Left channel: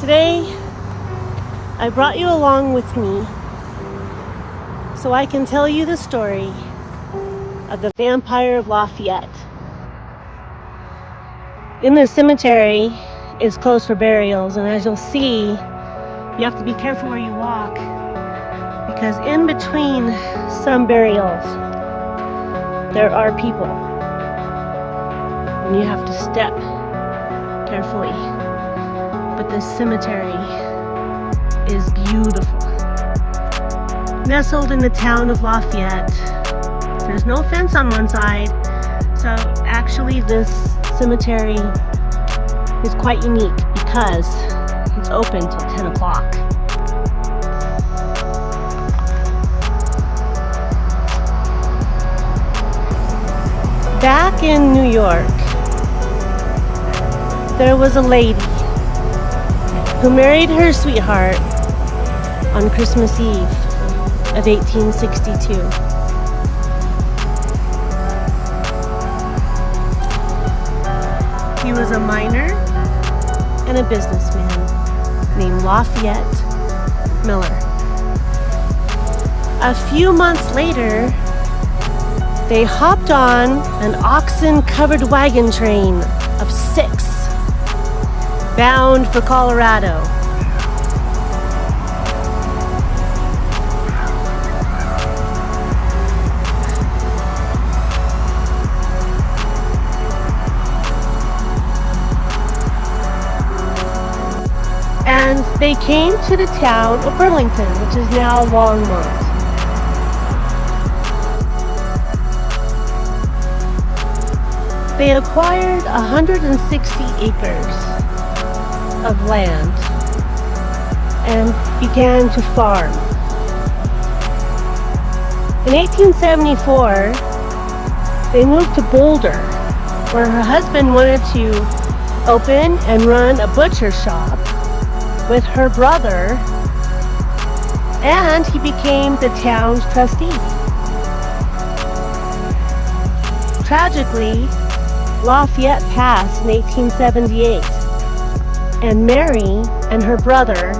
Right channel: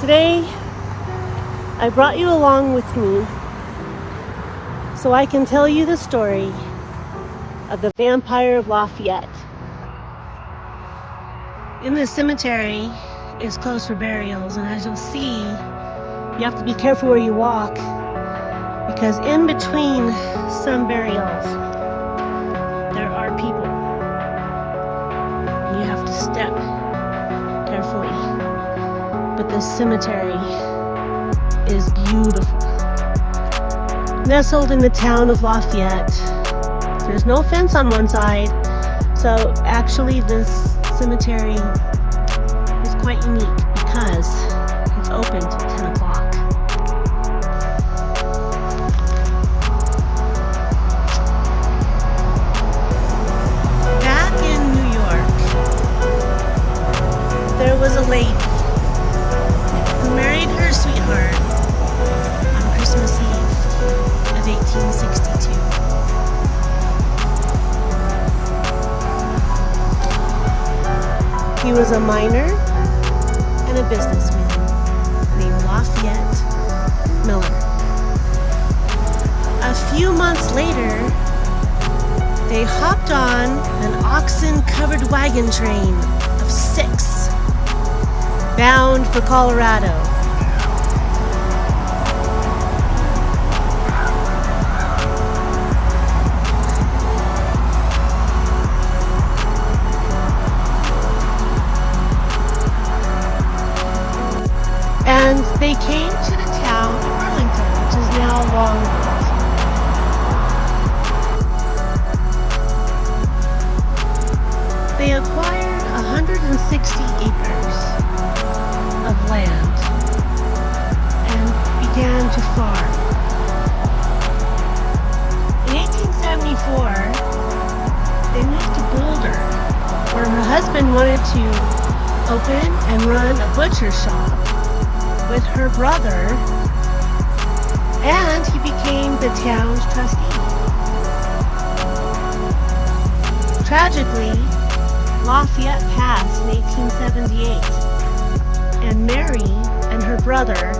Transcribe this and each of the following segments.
Today, I brought you along with me so I can tell you the story of the vampire of Lafayette. In the cemetery is closed for burials, and as you'll see, you have to be careful where you walk because in between some burials, there are people, and you have to step carefully. But this cemetery is beautiful. Nestled in the town of Lafayette, there's no fence on one side, so actually this cemetery is quite unique because it's open till 10 o'clock. Back in New York, there was a lady who married her sweetheart on Christmas Eve of 1862. He was a miner and a businessman named Lafayette Miller. A few months later, they hopped on an oxen-covered wagon train of 6 bound for Colorado. And they came to the town of Burlington, which is now Longmont. They acquired 160 acres of land and began to farm. In 1874, they moved to Boulder, where her husband wanted to open and run a butcher shop with her brother, and he became the town's trustee. Tragically, Lafayette passed in 1878, and Mary and her brother,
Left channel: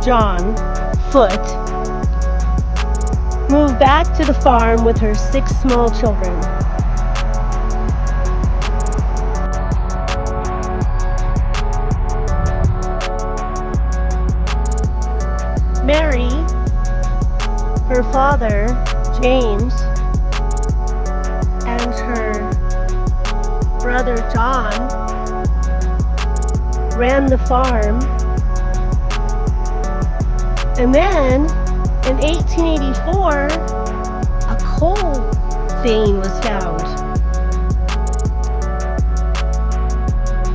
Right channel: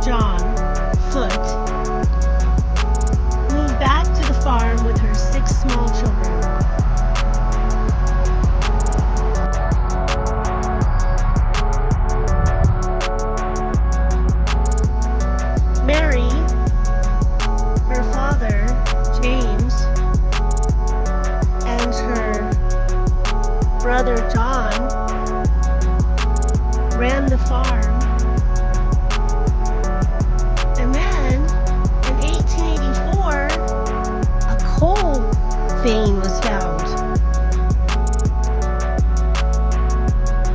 John Foote, moved back to the farm with her 6 small children. Mary, her father, James, and her brother John ran the farm, and then in 1884 a coal vein was found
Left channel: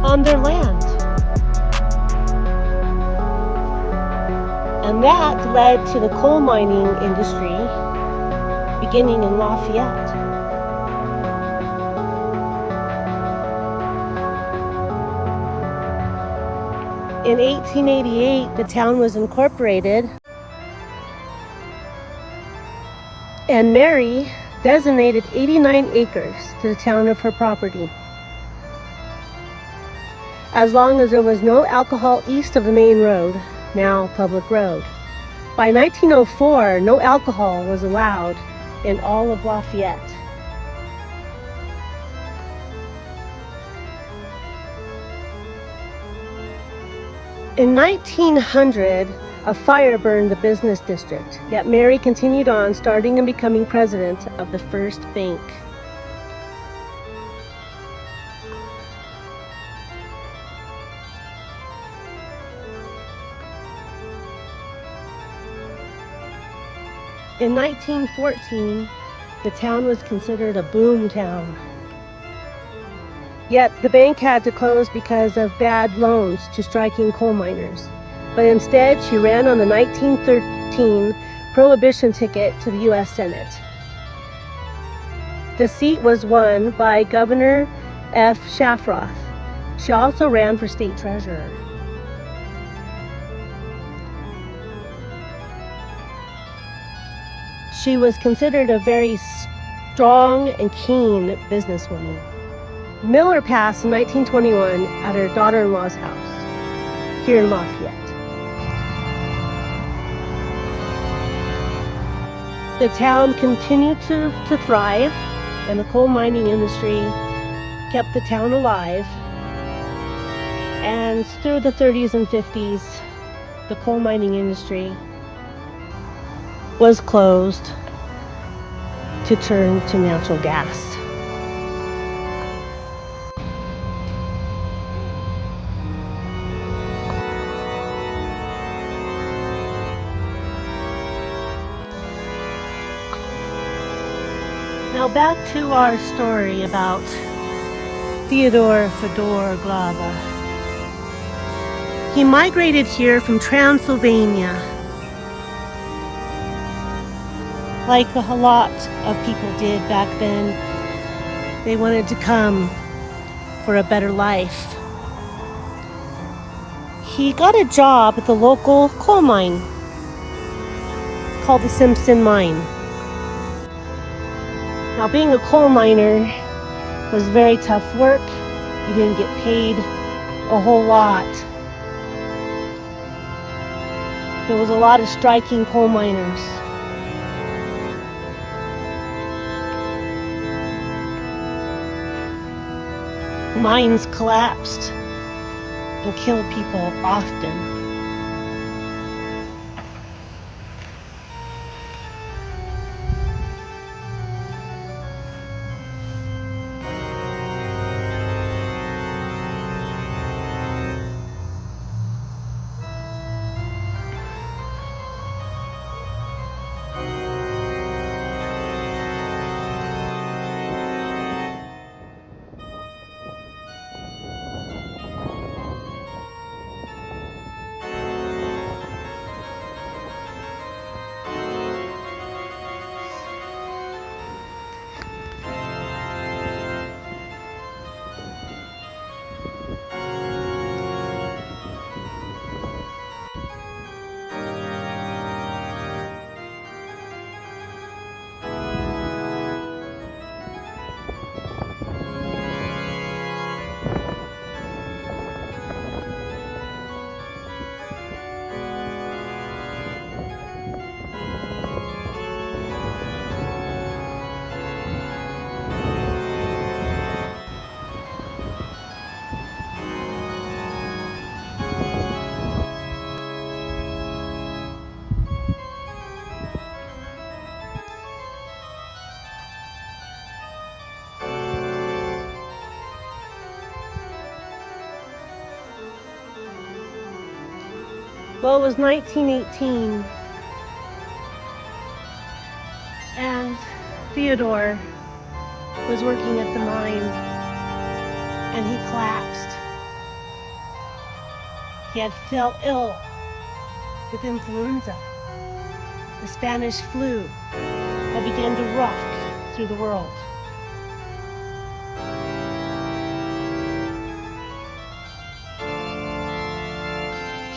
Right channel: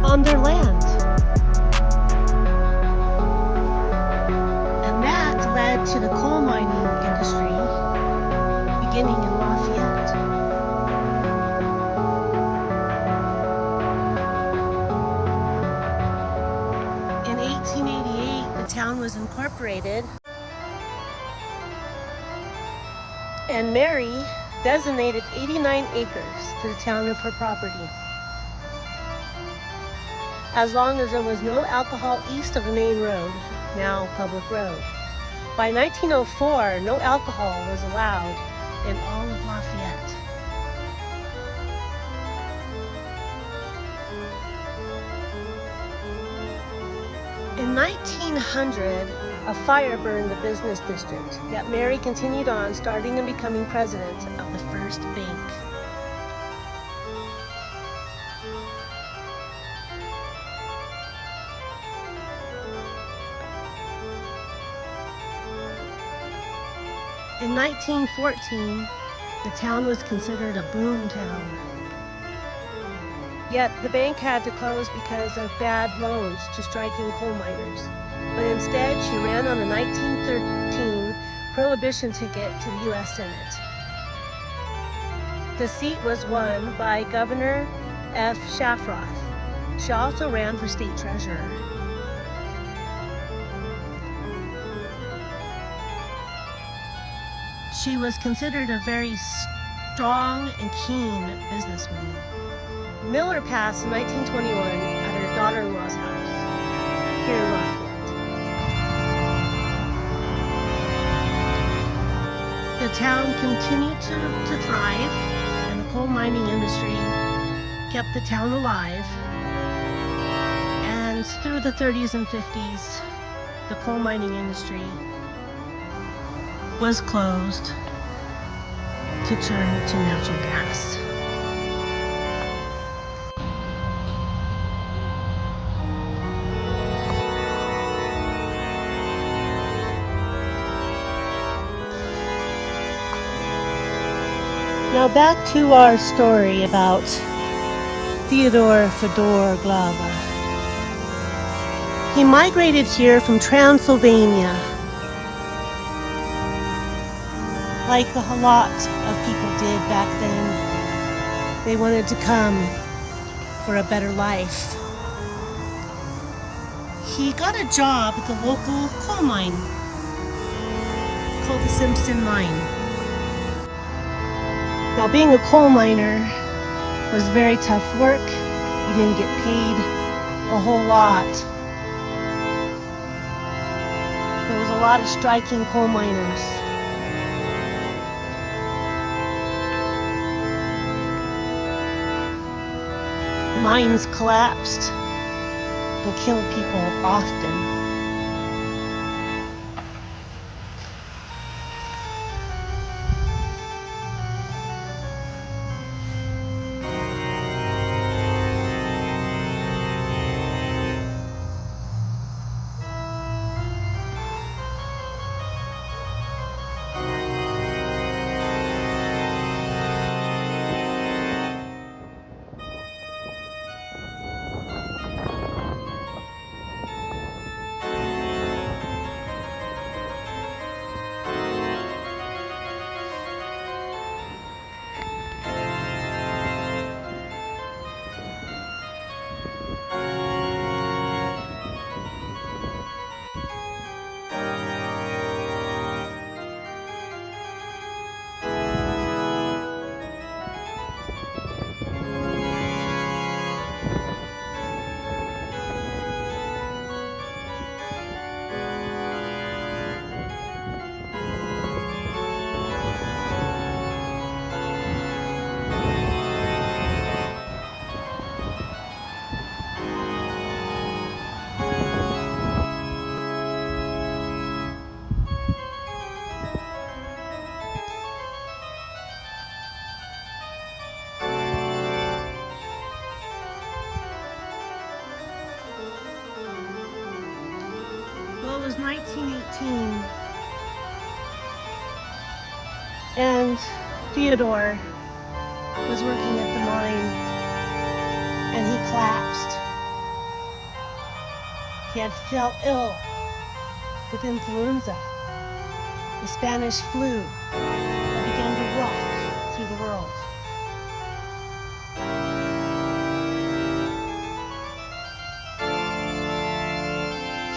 on their land, and that led to the coal mining industry beginning in Lafayette. In 1888, the town was incorporated, and Mary designated 89 acres to the town of her property, as long as there was no alcohol east of the main road, now public road. By 1904, no alcohol was allowed in all of Lafayette. In 1900, a fire burned the business district, yet Mary continued on, starting and becoming president of the first bank. In 1914, the town was considered a boom town. Yet the bank had to close because of bad loans to striking coal miners. But instead, she ran on the 1913 Prohibition ticket to the U.S. Senate. The seat was won by Governor F. Shafroth. She also ran for state treasurer. She was considered a very strong and keen businesswoman. Miller passed in 1921 at her daughter-in-law's house. here in Lafayette. The town continued to thrive, and the coal mining industry kept the town alive. And through the 30s and 50s, the coal mining industry was closed to turn to natural gas. Now back to our story about Theodore Fedor Glava. He migrated here from Transylvania, like a lot of people did back then. They wanted to come for a better life. He got a job at the local coal mine called the Simpson Mine. Now, being a coal miner was very tough work. You didn't get paid a whole lot. There was a lot of striking coal miners. Mines collapsed and killed people often. Well, it was 1918, and Theodore was working at the mine, and he collapsed. He had fell ill with influenza, the Spanish flu that began to rock through the world.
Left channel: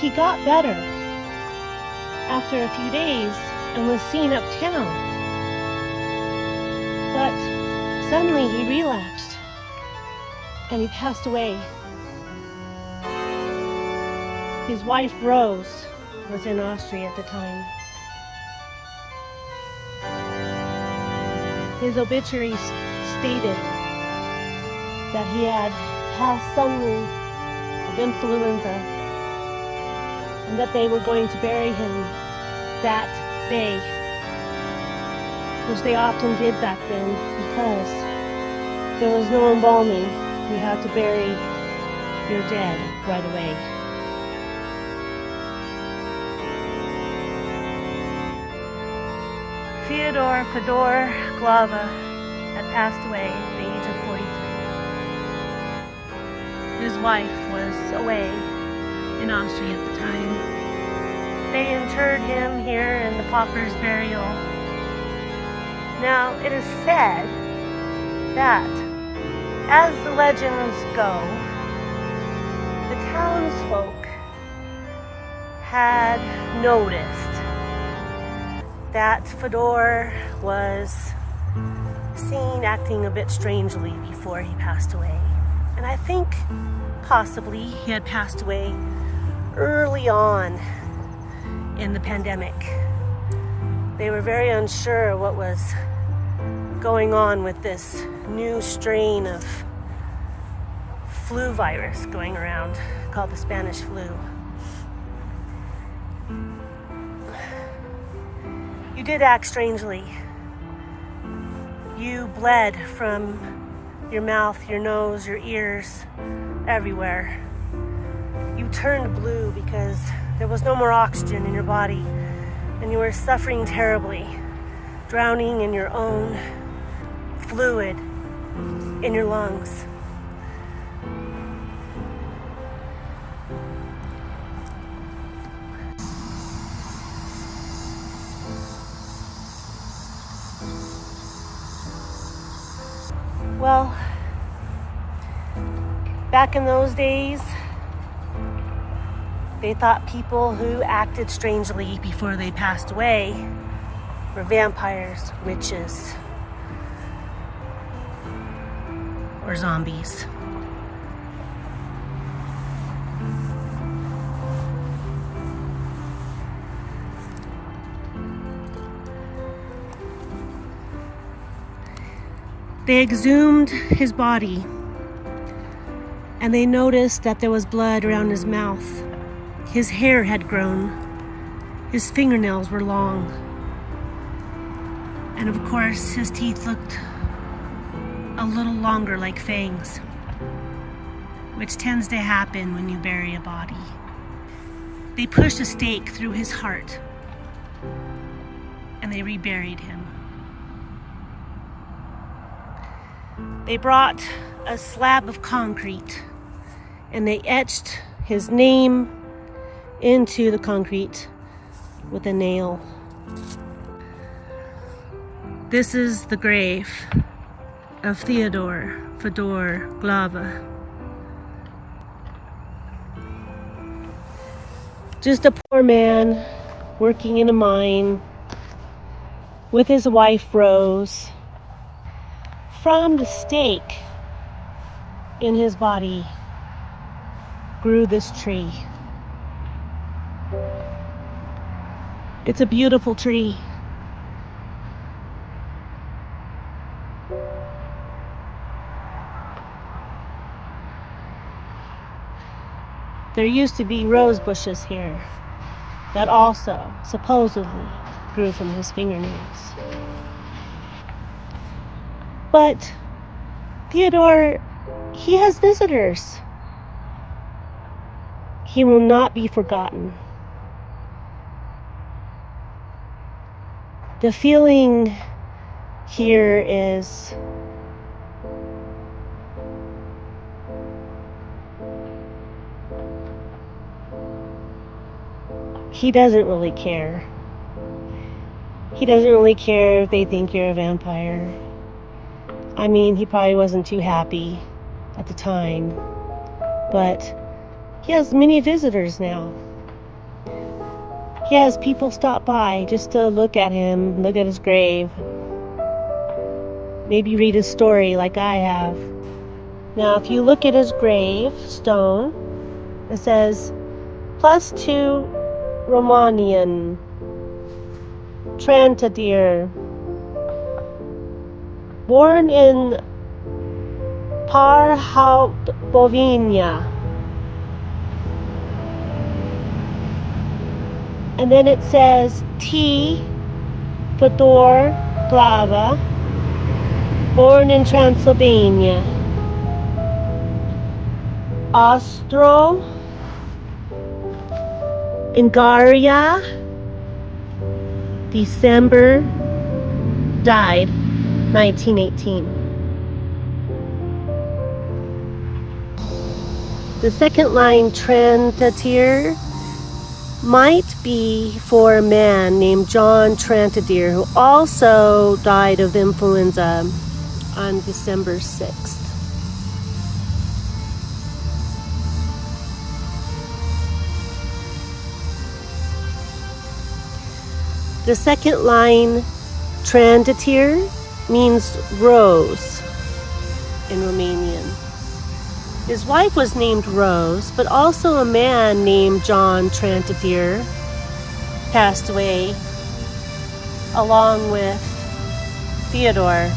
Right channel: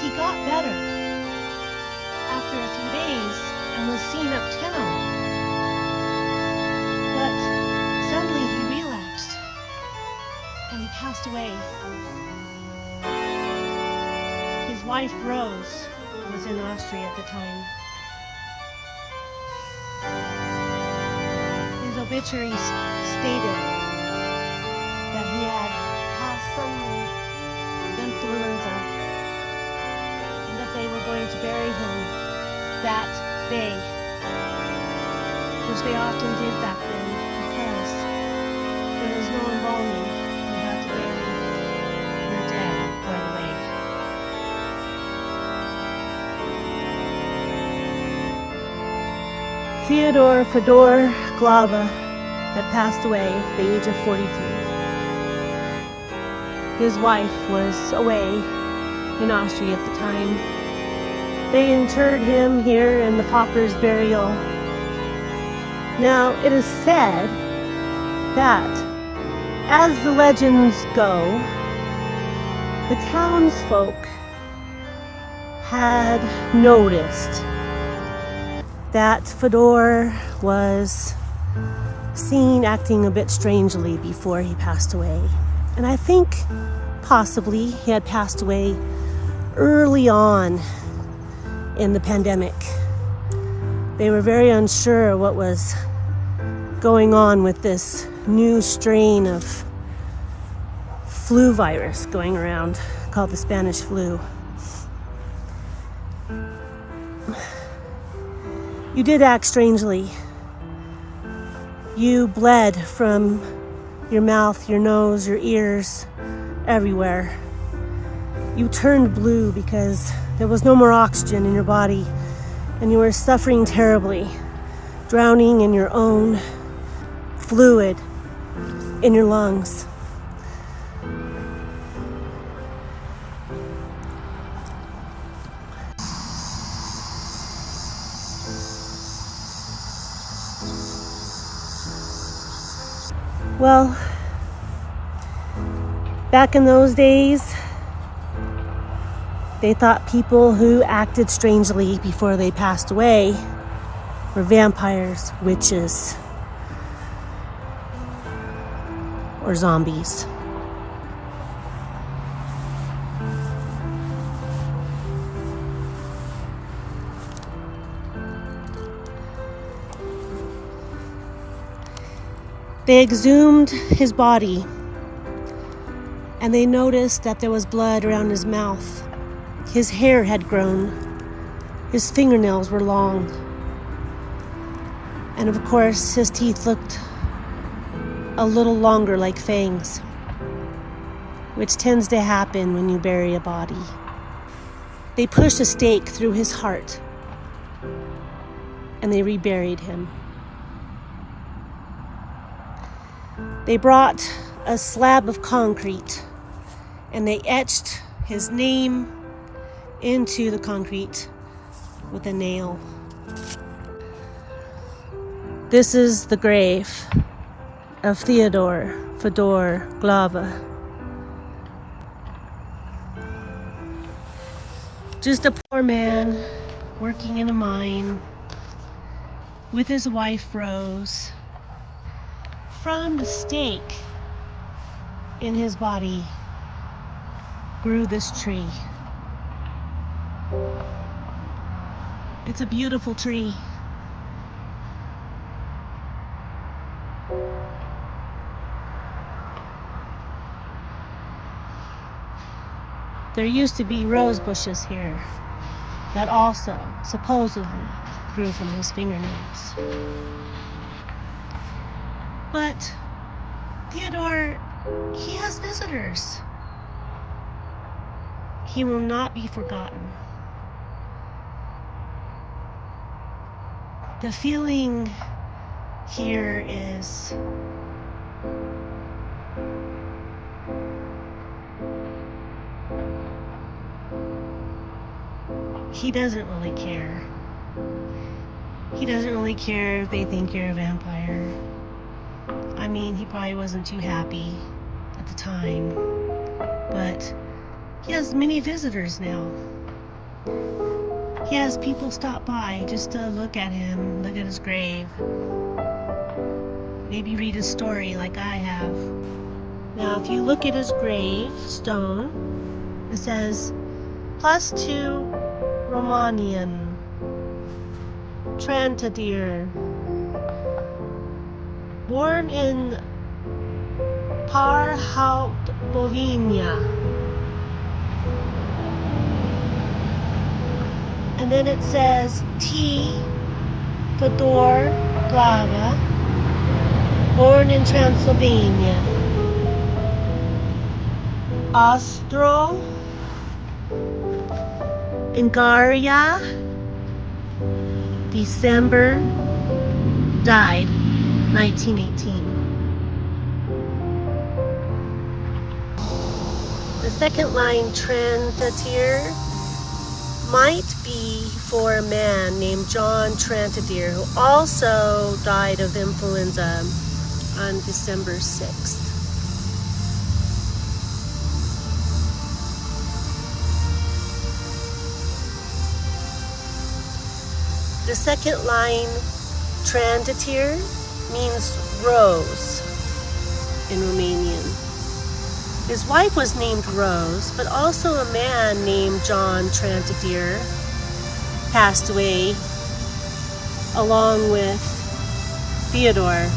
He got better after a few days and was seen uptown, but suddenly he relapsed and he passed away. His wife Rose was in Austria at the time. His obituary stated that he had passed suddenly with influenza, and that they were going to bury him that day, which they often did back then because there was no embalming. You had to bury your dead right away. Theodore Fedor Glava had passed away at the age of 43. His wife was away in Austria at the time. They interred him here in the Pauper's Burial. Now, it is said that, as the legends go, the townsfolk had noticed that Fedor was seen acting a bit strangely before he passed away. And I think possibly he had passed away early on in the pandemic. They were very unsure what was going on with this new strain of flu virus going around called the Spanish flu. You did act strangely. You bled from your mouth, your nose, your ears, everywhere. You turned blue because there was no more oxygen in your body and you were suffering terribly, drowning in your own fluid in your lungs. Well, back in those days, they thought people who acted strangely before they passed away were vampires, witches, or zombies. They exhumed his body and they noticed that there was blood around his mouth. His hair had grown. His fingernails were long. And of course, his teeth looked a little longer like fangs, which tends to happen when you bury a body. They pushed a stake through his heart and they reburied him. They brought a slab of concrete and they etched his name into the concrete with a nail. This is the grave of Theodore Fedor Glava. Just a poor man working in a mine with his wife Rose. From the stake in his body grew this tree. It's a beautiful tree. There used to be rose bushes here that also supposedly grew from his fingernails. But Theodore, he has visitors. He will not be forgotten. The feeling here is he doesn't really care. He doesn't really care if they think you're a vampire. I mean, he probably wasn't too happy at the time, but he has many visitors now. He has people stop by just to look at him, look at his grave, maybe read his story like I have. Now, if you look at his grave stone, it says, +2 Romanian, Trantadir, born in Bovina. And then it says T. Fedor Glava, born in Transylvania. Austro Ungaria, December, died 1918. The second line, Trantadir, might be for a man named John Trantadir, who also died of influenza on December 6th. The second line, Trantadir, means rose in Romanian. His wife was named Rose, but also a man named John Trantadere passed away along with Theodore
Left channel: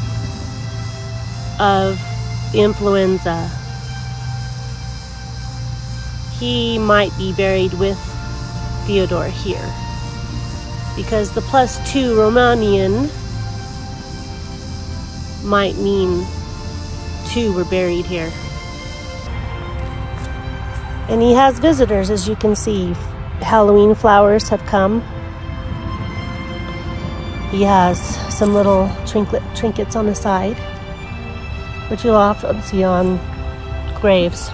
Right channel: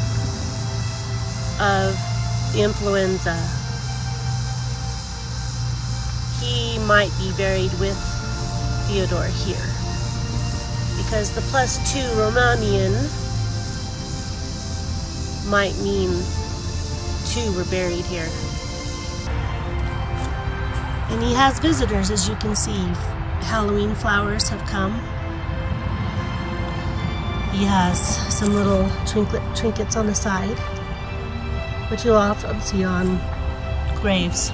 of influenza. He might be buried with Theodore here because the +2 Romanian might mean 2 were buried here. And he has visitors, as you can see. Halloween flowers have come. He has some little trinkets on the side, which you'll often see on graves.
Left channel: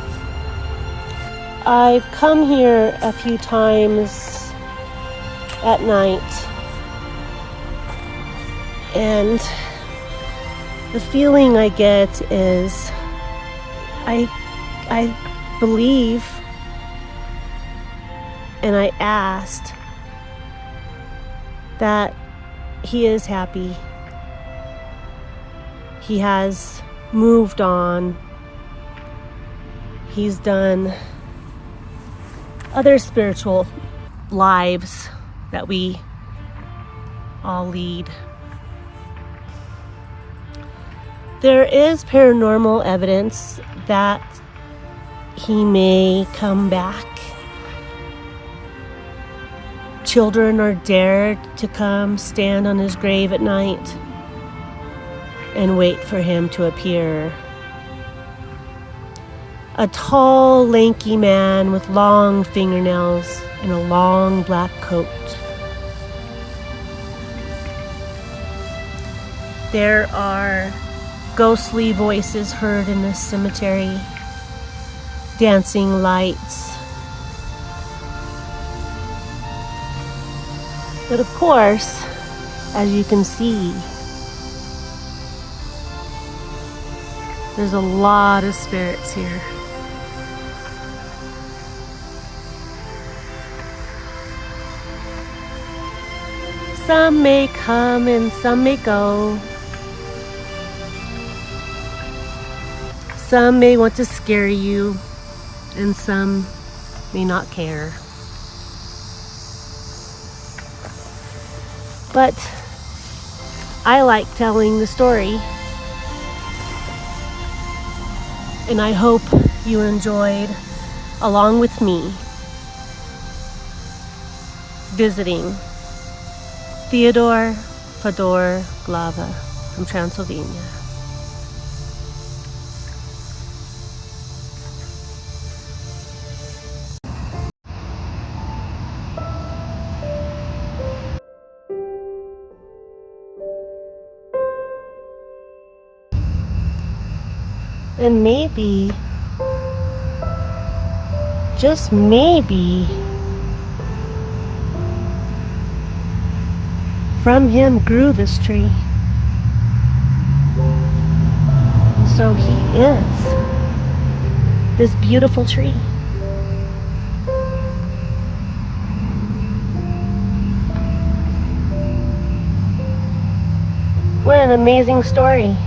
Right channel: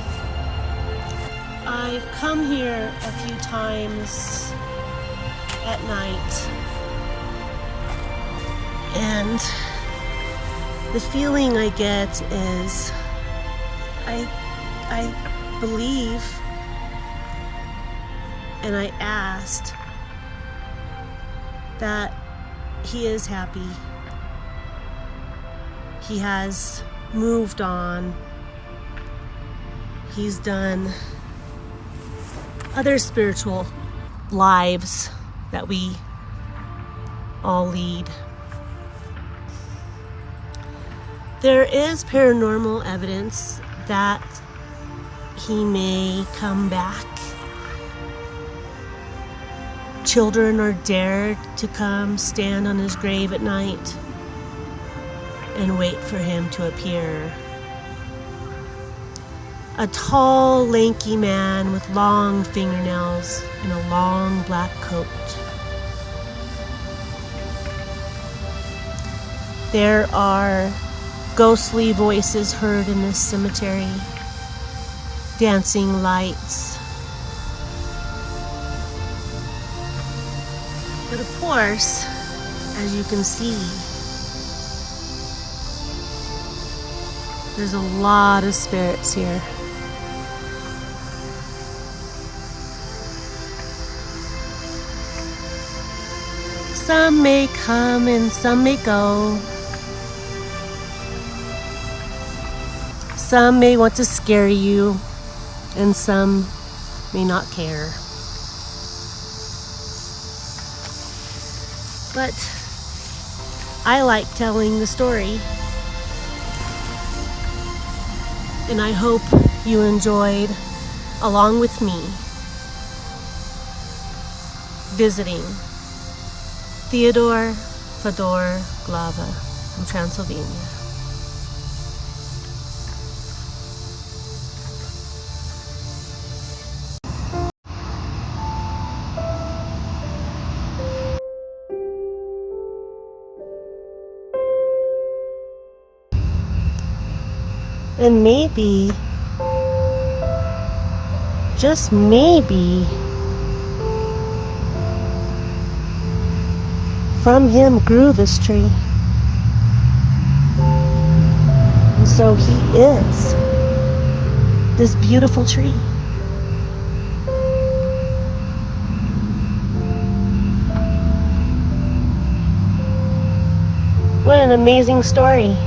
I've come here a few times at night, and the feeling I get is I believe, and I asked that he is happy. He has moved on. He's done other spiritual lives that we all lead. There is paranormal evidence that he may come back. Children are dared to come stand on his grave at night and wait for him to appear. A tall, lanky man with long fingernails and a long black coat. There are ghostly voices heard in this cemetery, dancing lights. But of course, as you can see, there's a lot of spirits here. Some may come and some may go. Some may want to scare you, and some may not care. But I like telling the story, and I hope you enjoyed, along with me, visiting Theodore Fodor Glava from Transylvania. And maybe, just maybe, from him grew this tree. And so he is this beautiful tree. What an amazing story.